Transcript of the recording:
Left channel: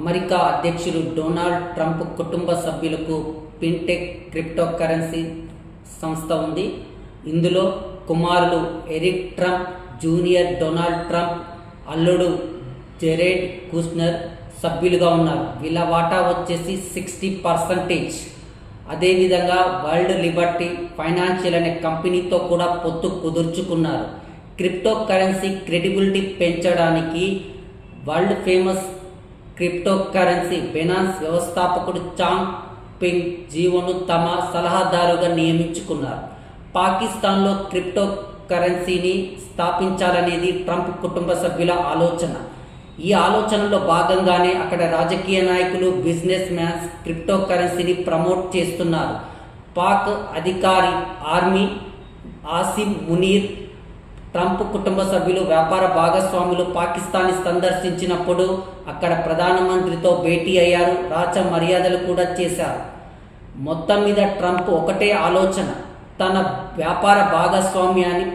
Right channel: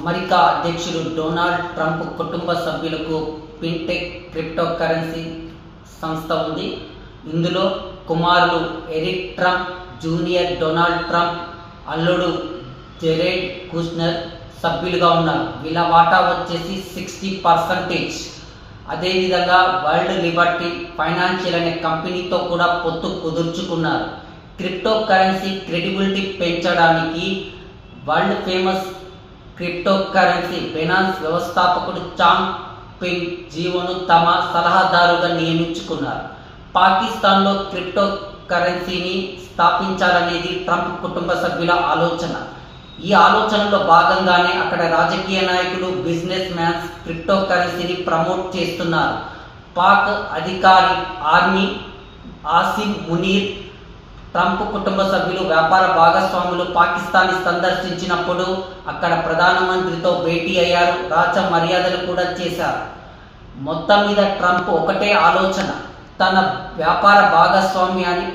America అధ్యక్షుడు Donald Trump కుటుంబ సభ్యులకు ఫిన్టెక్ క్రిప్టోకరెన్సీ సంస్థ ఉంది. ఇందులో కుమారులు Eric Trump junior, Donald Trump అల్లుడు జెరెడ్ కుష్నర్ సభ్యులుగా ఉన్నారు. వీళ్ళ వాటా వచ్చేసి 60%. అదేవిధంగా వరల్డ్ లిబర్టీ ఫైనాన్షియల్ అనే కంపెనీతో కూడా పొత్తు కుదుర్చుకున్నారు. క్రిప్టో కరెన్సీ క్రెడిబిలిటీ పెంచడానికి world famous crypto currency Binance వ్యవస్థాపకుడు చాంగ్ పెంగ్ జియోను తమ సలహాదారుగా నియమించుకున్నారు. పాకిస్తాన్లో క్రిప్టో కరెన్సీని స్థాపించాలనేది ట్రంప్ కుటుంబ సభ్యుల ఆలోచన. ఈ ఆలోచనలో భాగంగానే అక్కడ రాజకీయ నాయకులు, బిజినెస్ మ్యాన్స్ క్రిప్టో కరెన్సీని ప్రమోట్ చేస్తున్నారు. పాక్ అధికారి ఆర్మీ ఆసిం మునీర్ ట్రంప్ కుటుంబ సభ్యులు వ్యాపార భాగస్వాములు పాకిస్తాన్ని సందర్శించినప్పుడు అక్కడ ప్రధానమంత్రితో భేటీ అయ్యారు. రాచ మర్యాదలు కూడా చేశారు. మొత్తం మీద ట్రంప్ ఒకటే ఆలోచన, తన వ్యాపార భాగస్వామ్యాన్ని